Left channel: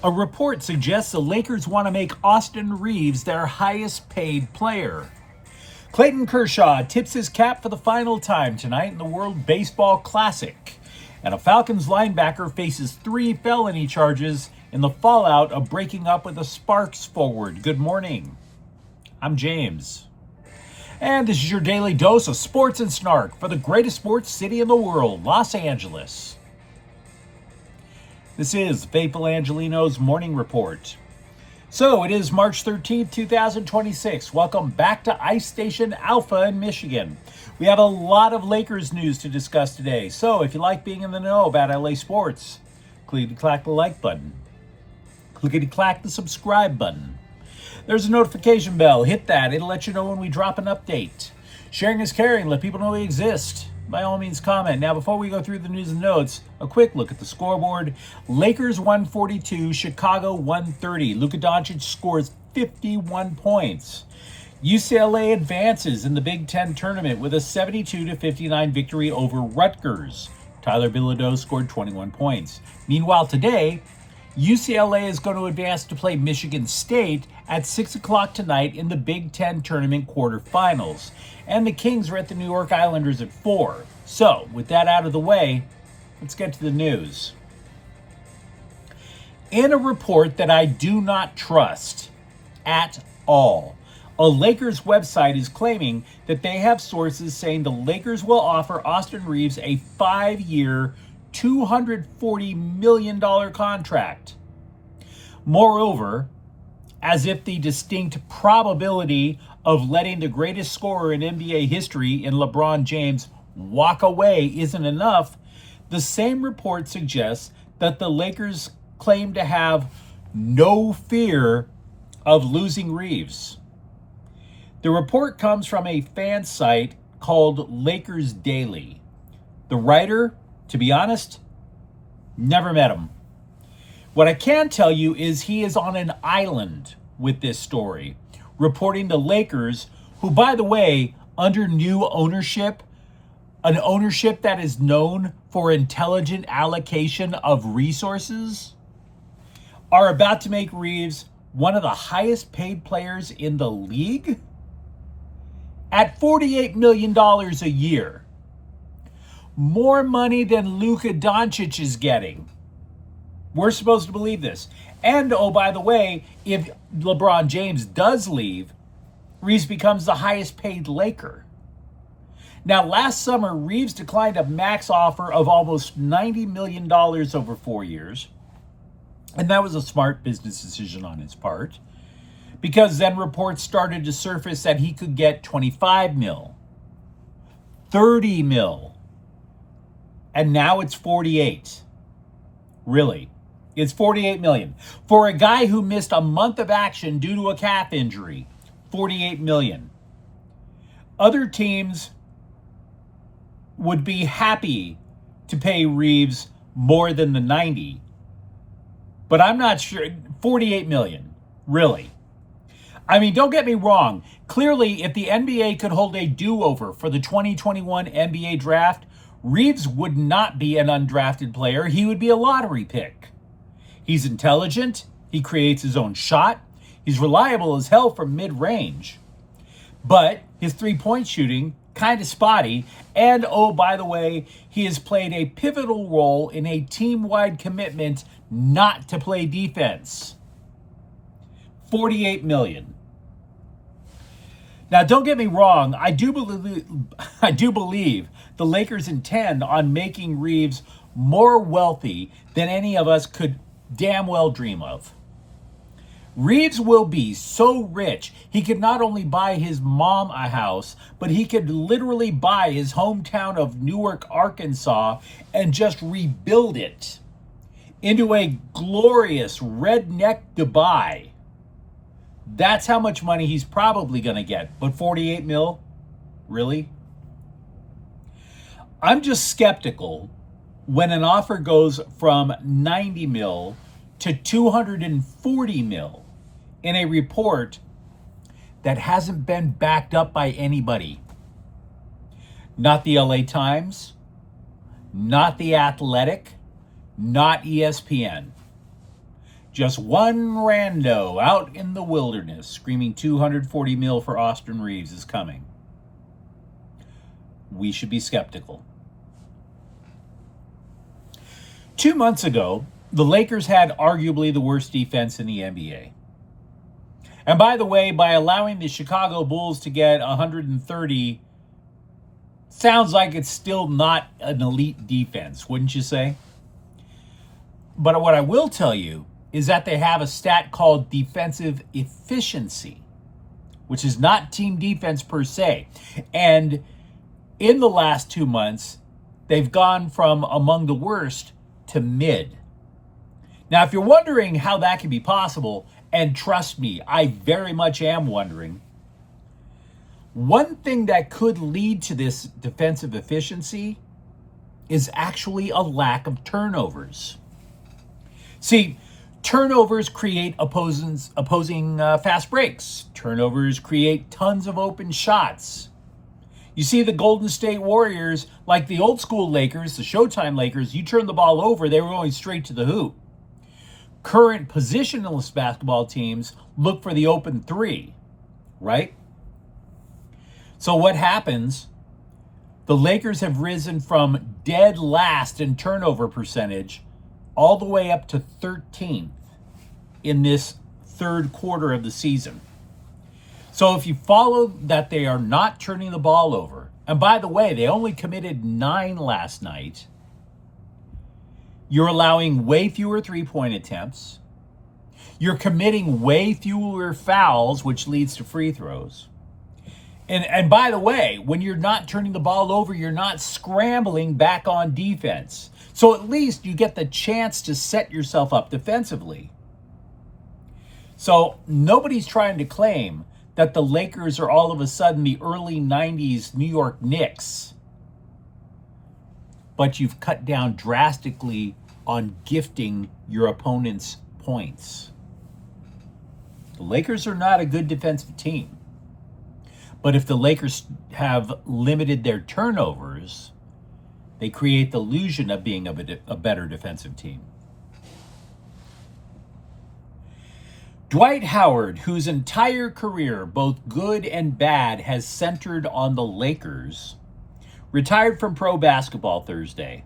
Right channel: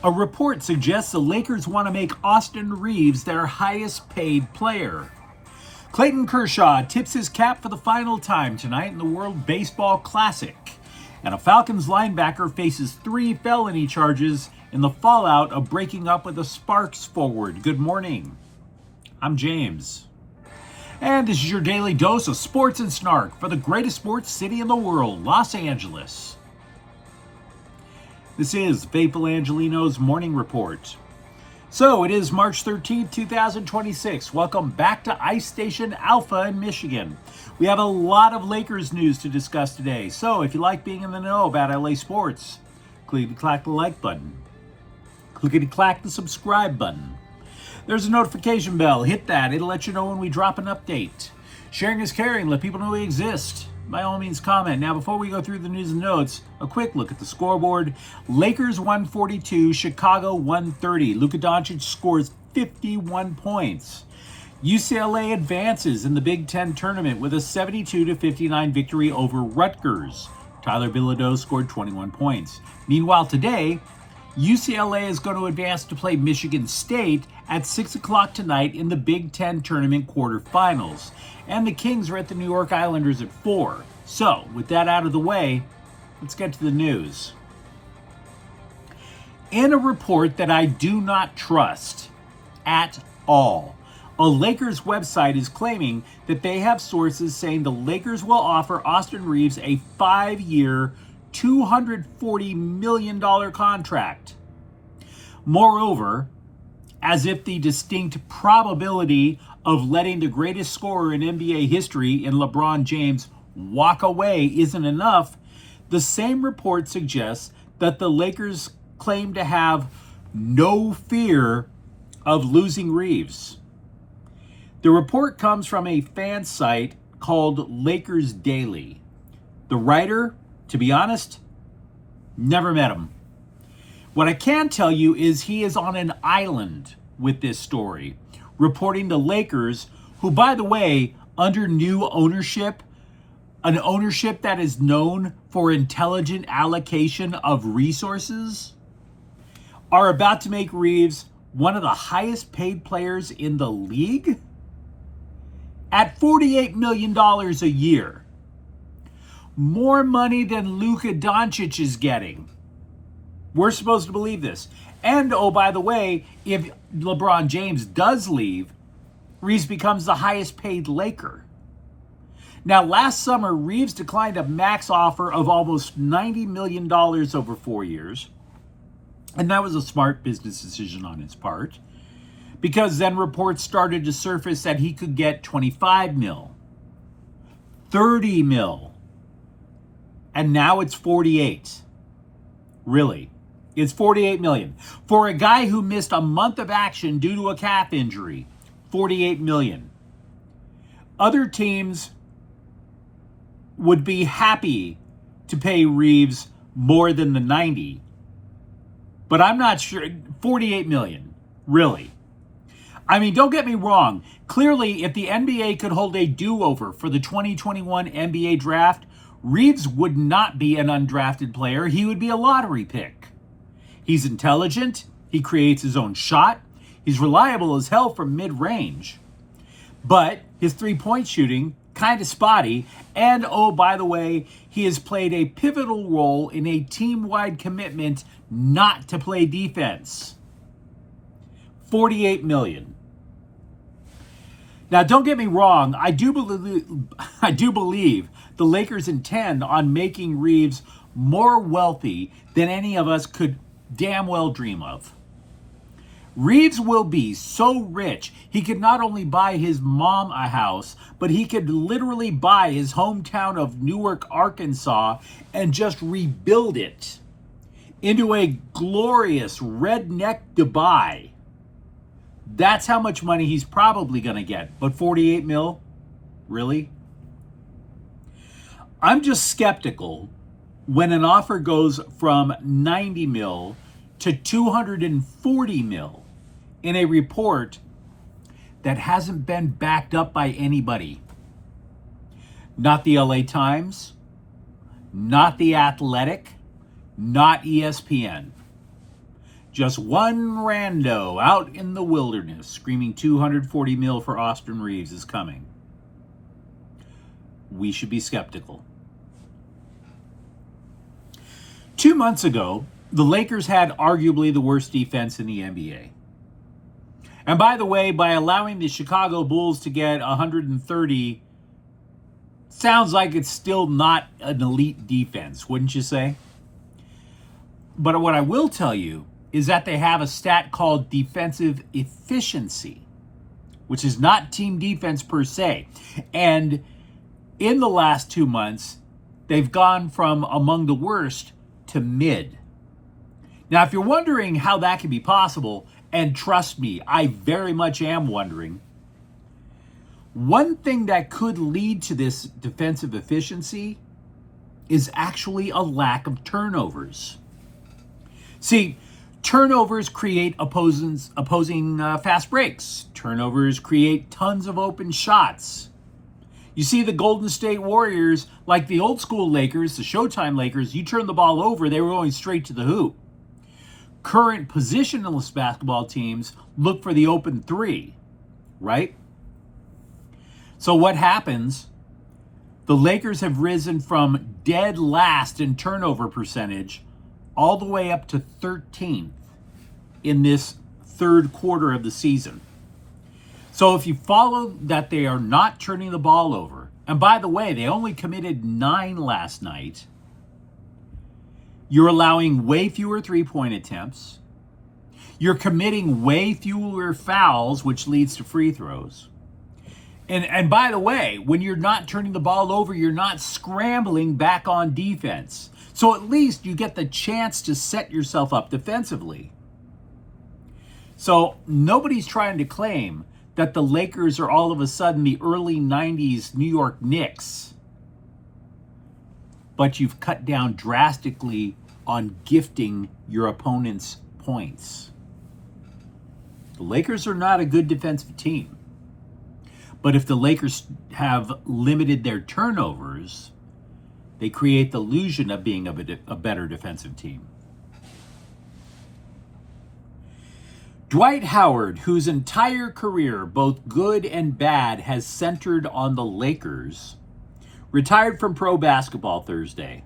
A report suggests the Lakers want to make Austin Reaves their highest paid player. Clayton Kershaw tips his cap for the final time tonight in the World Baseball Classic. And a Falcons linebacker faces 3 felony charges in the fallout of breaking up with a Sparks forward. Good morning. I'm James. And this is your daily dose of sports and snark for the greatest sports city in the world, Los Angeles. This is Faithful Angelenos Morning Report. So it is March 13th, 2026. Welcome back to Ice Station Alpha in Michigan. We have a lot of Lakers news to discuss today. So if you like being in the know about LA sports, clickety-clack the like button. Clickety-clack the subscribe button. There's a notification bell. Hit that. It'll let you know when we drop an update. Sharing is caring. Let people know we exist. By all means, comment. Now, before we go through the news and notes, a quick look at the scoreboard. Lakers 142, Chicago 130. Luka Doncic scores 51 points. UCLA advances in the Big Ten tournament with a 72-59 victory over Rutgers. Tyler Bilodeau scored 21 points. Meanwhile, today, UCLA is going to advance to play Michigan State at 6 o'clock tonight in the Big Ten tournament quarterfinals. And the Kings are at the New York Islanders at 4. So, with that out of the way, let's get to the news. In a report that I do not trust at all, a Lakers website is claiming that they have sources saying the Lakers will offer Austin Reaves a 5-year, $240 million contract. Moreover, as if the distinct probability of letting the greatest scorer in NBA history in LeBron James walk away isn't enough, the same report suggests that the Lakers claim to have no fear of losing Reaves. The report comes from a fan site called Lakers Daily. The writer, to be honest, never met him. What I can tell you is he is on an island with this story, reporting the Lakers, who, by the way, under new ownership, an ownership that is known for intelligent allocation of resources, are about to make Reaves one of the highest paid players in the league at $48 million a year. More money than Luka Doncic is getting. We're supposed to believe this. And, oh, by the way, if LeBron James does leave, Reaves becomes the highest paid Laker. Now, last summer, Reaves declined a max offer of almost $90 million over 4 years. And that was a smart business decision on his part, because then reports started to surface that he could get 25 mil, 30 mil. And now it's 48. Really? It's 48 million. For a guy who missed a month of action due to a calf injury, 48 million. Other teams would be happy to pay Reaves more than the 90. But I'm not sure. 48 million. Really? I mean, don't get me wrong. Clearly, if the NBA could hold a do-over for the 2021 NBA draft, Reaves would not be an undrafted player. He would be a lottery pick. He's intelligent. He creates his own shot. He's reliable as hell from mid-range. But his three-point shooting, kind of spotty. And, oh, by the way, he has played a pivotal role in a team-wide commitment not to play defense. 48 million. Now, don't get me wrong. I do believe the Lakers intend on making Reaves more wealthy than any of us could damn well dream of. Reaves will be so rich, he could not only buy his mom a house, but he could literally buy his hometown of Newark, Arkansas, and just rebuild it into a glorious redneck Dubai. That's how much money he's probably going to get. But 48 mil? Really? I'm just skeptical when an offer goes from 90 mil to 240 mil in a report that hasn't been backed up by anybody. Not the LA Times, not The Athletic, not ESPN. Just one rando out in the wilderness screaming 240 mil for Austin Reaves is coming. We should be skeptical. 2 months ago, the Lakers had arguably the worst defense in the NBA. And by the way, by allowing the Chicago Bulls to get 130, sounds like it's still not an elite defense, wouldn't you say? But what I will tell you is that they have a stat called defensive efficiency, which is not team defense per se. And in the last 2 months, they've gone from among the worst to mid. Now, if you're wondering how that can be possible, and trust me, I very much am wondering, one thing that could lead to this defensive efficiency is actually a lack of turnovers. See, turnovers create opposing fast breaks. Turnovers create tons of open shots. You see the Golden State Warriors, like the old school Lakers, the Showtime Lakers, you turn the ball over, they were going straight to the hoop. Current positionless basketball teams look for the open three, right? So what happens? The Lakers have risen from dead last in turnover percentage all the way up to 13th in this third quarter of the season. So if you follow that they are not turning the ball over, and by the way, they only committed 9 last night, you're allowing way fewer three-point attempts. You're committing way fewer fouls, which leads to free throws. And by the way, when you're not turning the ball over, you're not scrambling back on defense. So at least you get the chance to set yourself up defensively. So nobody's trying to claim that the Lakers are all of a sudden the early 90s New York Knicks. But you've cut down drastically on gifting your opponents points. The Lakers are not a good defensive team. But if the Lakers have limited their turnovers, they create the illusion of being a better defensive team. Dwight Howard, whose entire career, both good and bad, has centered on the Lakers, retired from pro basketball Thursday.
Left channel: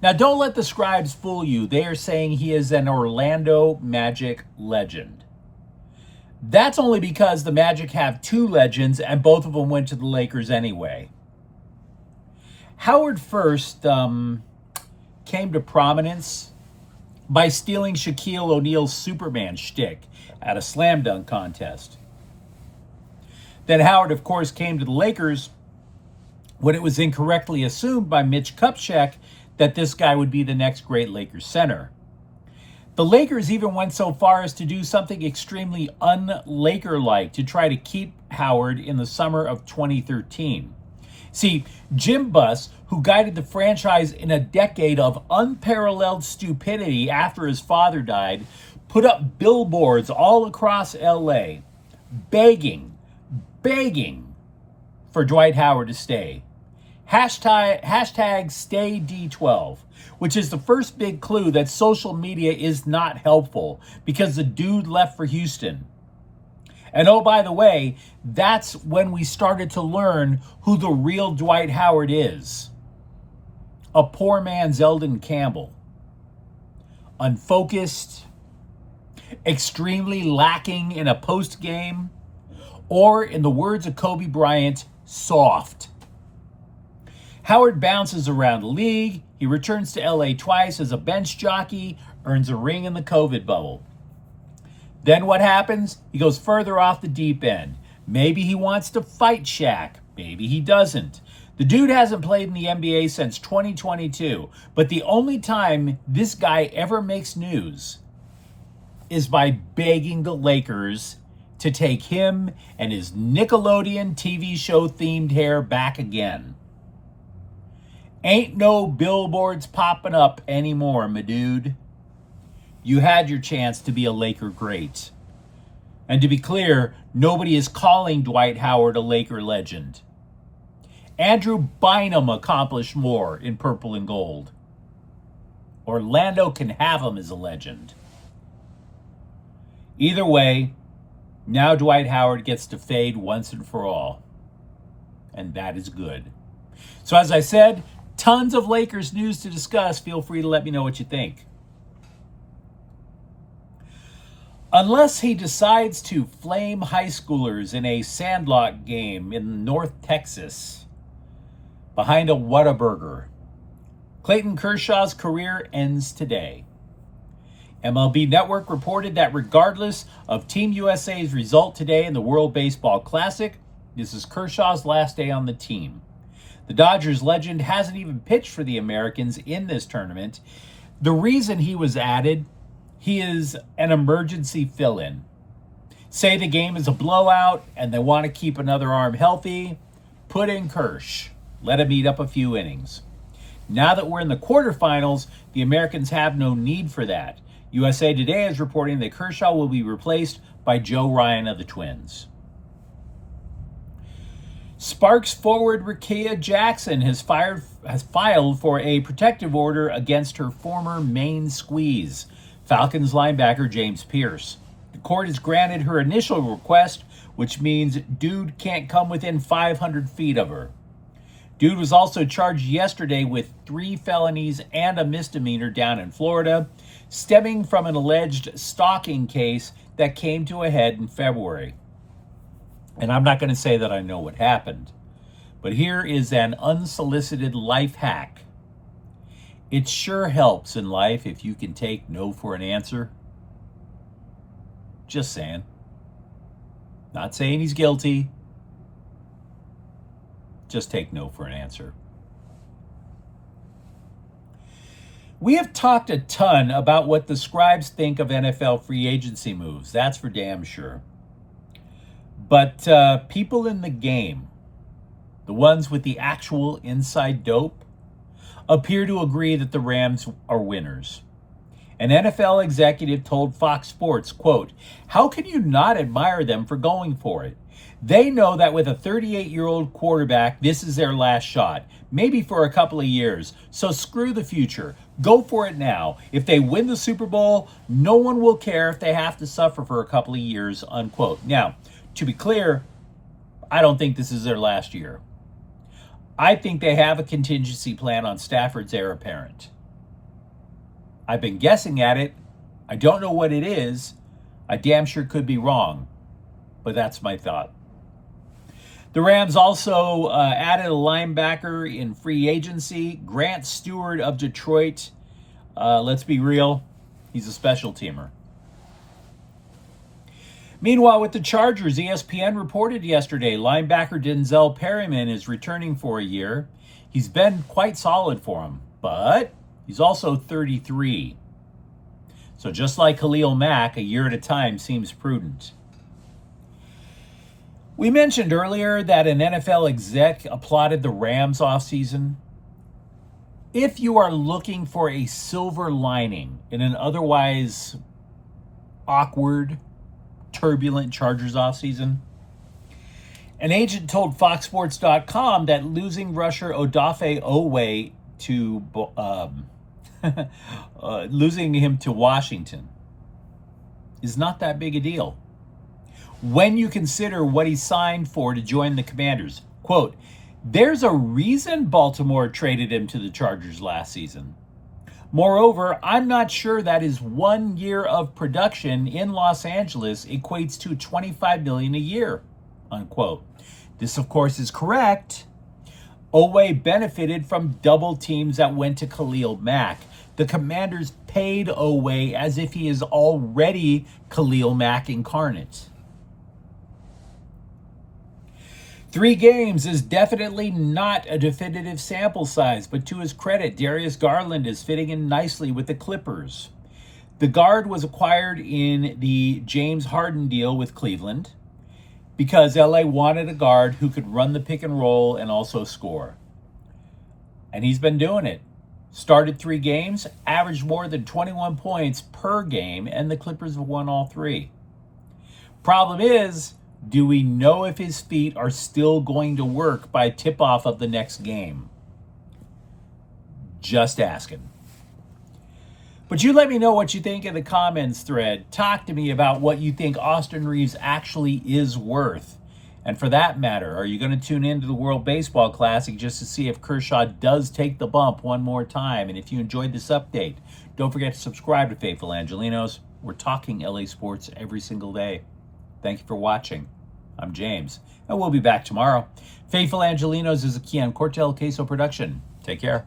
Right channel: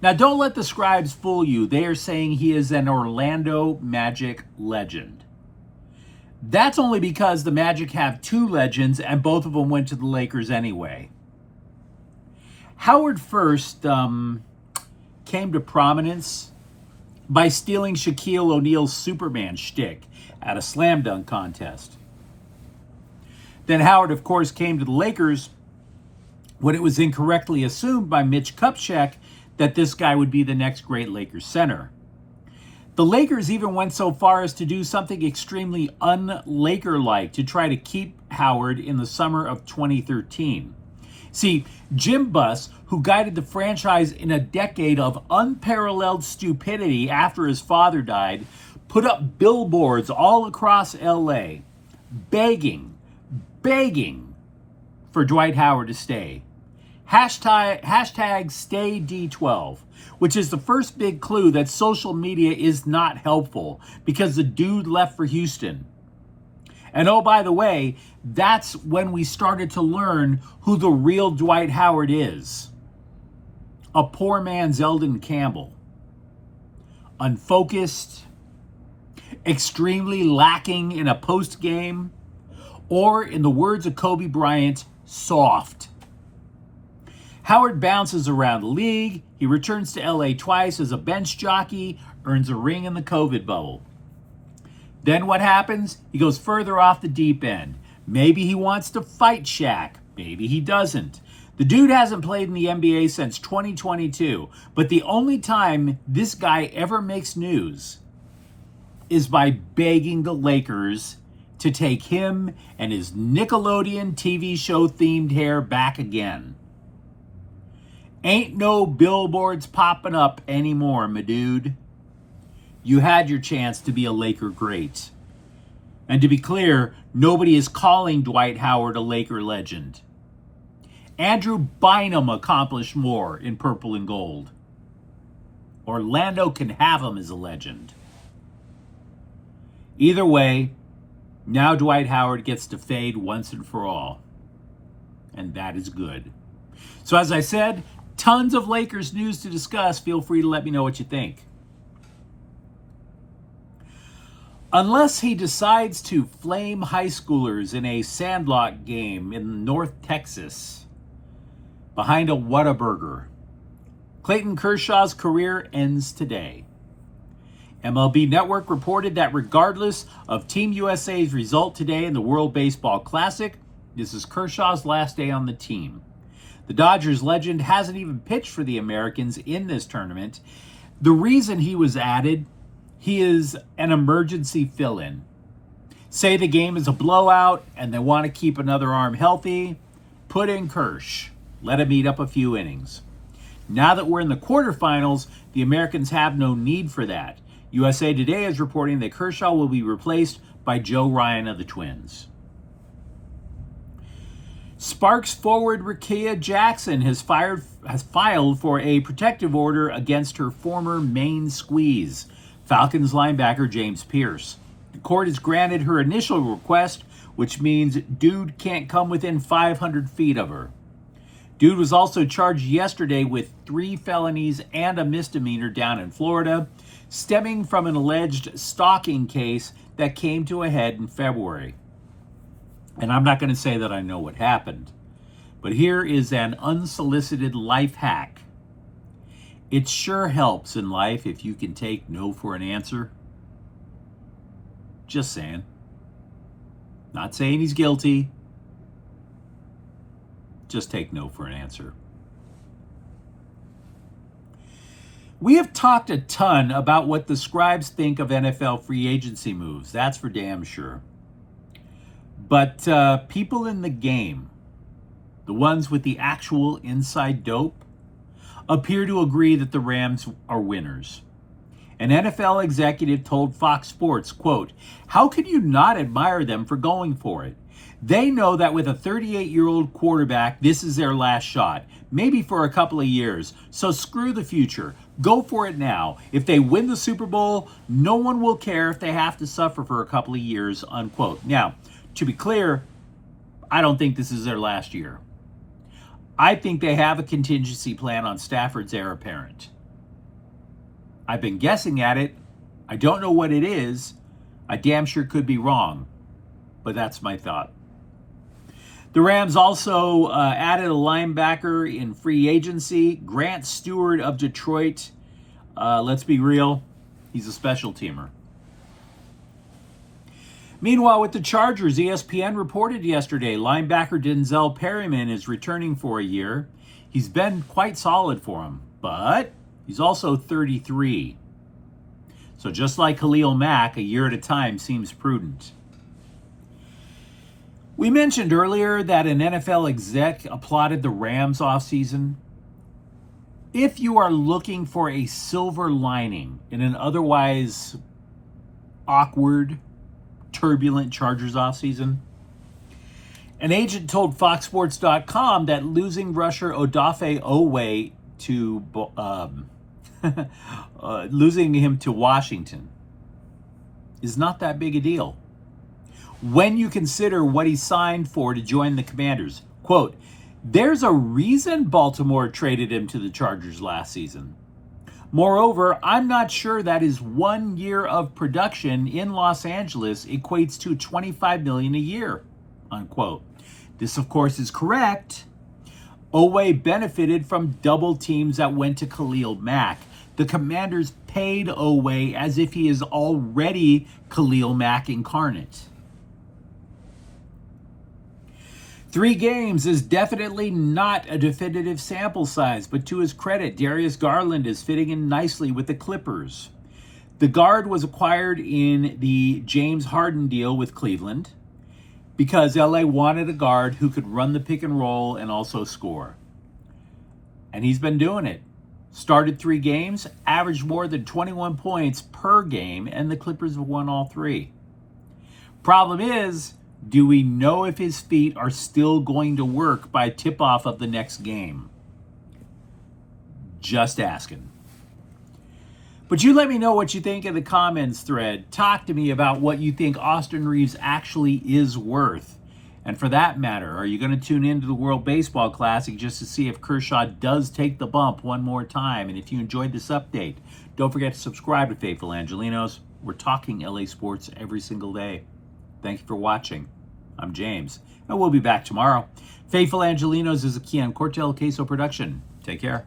Now, don't let the scribes fool you. They are saying he is an Orlando Magic legend. That's only because the Magic have 2 legends, and both of them went to the Lakers anyway. Howard first came to prominence by stealing Shaquille O'Neal's Superman shtick at a slam dunk contest. Then Howard, of course, came to the Lakers when it was incorrectly assumed by Mitch Kupchak that this guy would be the next great Lakers center. The Lakers even went so far as to do something extremely un-Laker-like to try to keep Howard in the summer of 2013. See, Jim Buss, who guided the franchise in a decade of unparalleled stupidity after his father died, put up billboards all across LA begging for Dwight Howard to stay. Hashtag stay D12, which is the first big clue that social media is not helpful because the dude left for Houston. And oh, by the way, that's when we started to learn who the real Dwight Howard is. A poor man's Eldon Campbell. Unfocused, extremely lacking in a post game, or in the words of Kobe Bryant, soft. Howard bounces around the league. He returns to LA twice as a bench jockey, earns a ring in the COVID bubble. Then what happens? He goes further off the deep end. Maybe he wants to fight Shaq. Maybe he doesn't. The dude hasn't played in the NBA since 2022, but the only time this guy ever makes news is by begging the Lakers to take him and his Nickelodeon TV show themed hair back again. Ain't no billboards popping up anymore, my dude. You had your chance to be a Laker great. And to be clear, nobody is calling Dwight Howard a Laker legend. Andrew Bynum accomplished more in purple and gold. Orlando can have him as a legend. Either way, now Dwight Howard gets to fade once and for all. And that is good. So as I said, tons of Lakers news to discuss. Feel free to let me know what you think. Unless he decides to flame high schoolers in a sandlot game in North Texas behind a Whataburger, Clayton Kershaw's career ends today. MLB Network reported that regardless of Team USA's result today in the World Baseball Classic, this is Kershaw's last day on the team. The Dodgers legend hasn't even pitched for the Americans in this tournament. The reason he was added, he is an emergency fill-in. Say the game is a blowout and they want to keep another arm healthy, put in Kersh. Let him eat up a few innings. Now that we're in the quarterfinals, the Americans have no need for that. USA Today is reporting that Kershaw will be replaced by Joe Ryan of the Twins. Sparks forward Rickea Jackson has filed for a protective order against her former main squeeze, Falcons linebacker James Pierce. The court has granted her initial request, which means Dude can't come within 500 feet of her. Dude was also charged yesterday with 3 felonies and a misdemeanor down in Florida, stemming from an alleged stalking case that came to a head in February. And I'm not going to say that I know what happened, but here is an unsolicited life hack. It sure helps in life if you can take no for an answer. Just saying. Not saying he's guilty. Just take no for an answer. We have talked a ton about what the scribes think of NFL free agency moves. That's for damn sure. But people in the game, the ones with the actual inside dope, appear to agree that the Rams are winners. An NFL executive told Fox Sports, quote, "How can you not admire them for going for it? They know that with a 38-year-old quarterback, this is their last shot, maybe for a couple of years. So screw the future. Go for it now. If they win the Super Bowl, no one will care if they have to suffer for a couple of years," unquote. Now, to be clear, I don't think this is their last year. I think they have a contingency plan on Stafford's heir apparent. I've been guessing at it. I don't know what it is. I damn sure could be wrong, but that's my thought. The Rams also added a linebacker in free agency, Grant Stewart of Detroit. Let's be real, he's a special teamer. Meanwhile, with the Chargers, ESPN reported yesterday linebacker Denzel Perryman is returning for a year. He's been quite solid for him, but he's also 33. So just like Khalil Mack, a year at a time seems prudent. We mentioned earlier that an NFL exec applauded the Rams offseason. If you are looking for a silver lining in an otherwise awkward, turbulent Chargers offseason, an agent told FoxSports.com that losing rusher Odafe Oweh to losing him to Washington is not that big a deal when you consider what he signed for to join the Commanders. Quote, "There's a reason Baltimore traded him to the Chargers last season. Moreover, I'm not sure that his 1 year of production in Los Angeles equates to $25 million a year," unquote. This, of course, is correct. Oweh benefited from double teams that went to Khalil Mack. The Commanders paid Oweh as if he is already Khalil Mack incarnate. 3 games is definitely not a definitive sample size, but to his credit, Darius Garland is fitting in nicely with the Clippers. The guard was acquired in the James Harden deal with Cleveland because LA wanted a guard who could run the pick and roll and also score. And he's been doing it. Started 3 games, averaged more than 21 points per game, and the Clippers have won all 3. Problem is, do we know if his feet are still going to work by tip-off of the next game? Just asking. But you let me know what you think in the comments thread. Talk to me about what you think Austin Reaves actually is worth. And for that matter, are you going to tune into the World Baseball Classic just to see if Kershaw does take the bump one more time? And if you enjoyed this update, don't forget to subscribe to Faithful Angelenos. We're talking LA sports every single day. Thank you for watching. I'm James, and we'll be back tomorrow. Faithful Angelenos is a Keon Cortel Queso production. Take care.